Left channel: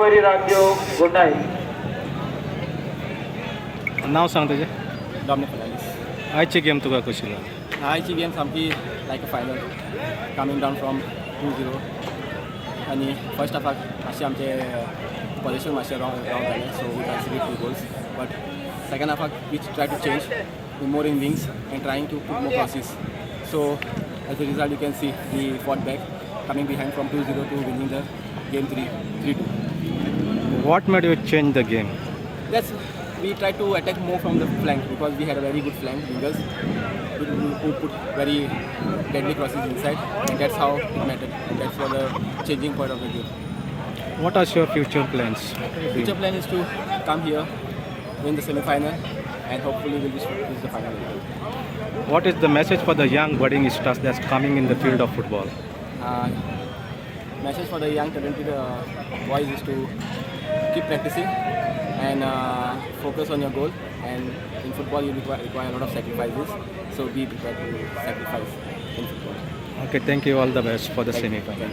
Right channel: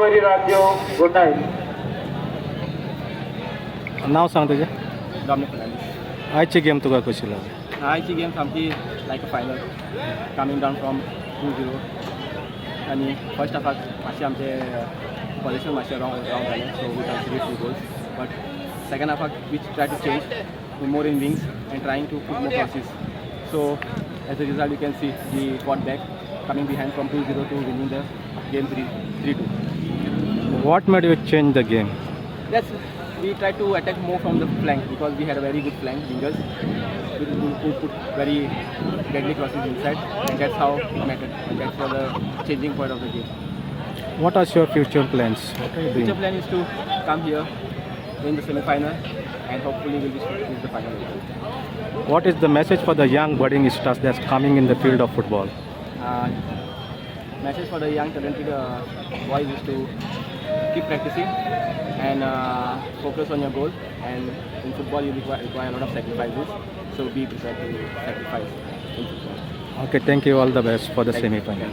राज्य गोंडाय नाव सांग तुझे डॉमिनिक फर्नांडीस. आजची गेम तुका कशी लागली? आयची गेम सामकी लायक अ फायनल कमींग डावन फ्रॉम 2-0 आनी फर्स्ट हाफाक मातशें आमचें पोजिशन मातशें रॉंग जालें so we considered 2 goals but second हाफाक we try to change more in wings and trying to put more crosses so as a result you can see we fought back coming behind from 2-0 to winning the game 3-2. What made you change the game? Yes, we tried to attack more from the flank because we had a very good flank wingers who put very deadly crosses inside, and that's how it mattered, and that's for the changing point of the game. What are your future plans? Future plan is to come here, win the semi-final, and hopefully we'll reach the final. What is the message for the young budding stars that's coming in the field of football? Message for the young talented boys is to keep practicing and focus on your goal, and in football you require a lot of sacrifices, so be prepared to sacrifice in football. Okay, thank you. All the best for the Thank you. semi-final.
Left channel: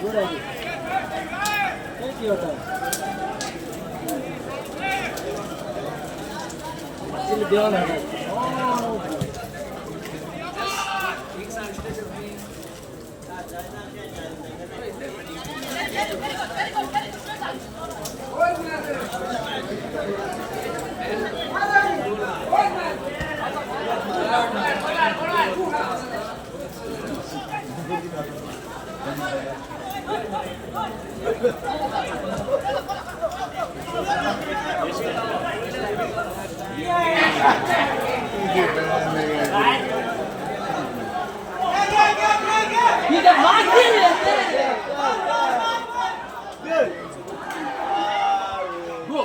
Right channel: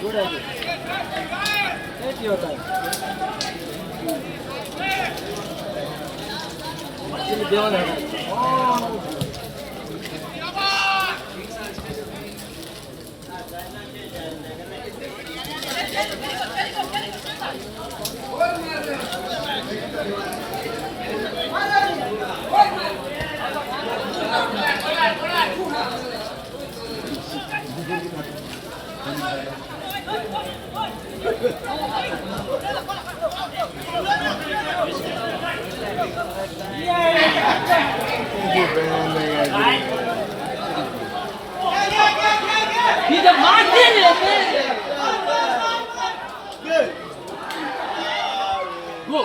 Good idea. Take your time. Actually, they all have it. Oh. He's a Martin! Go!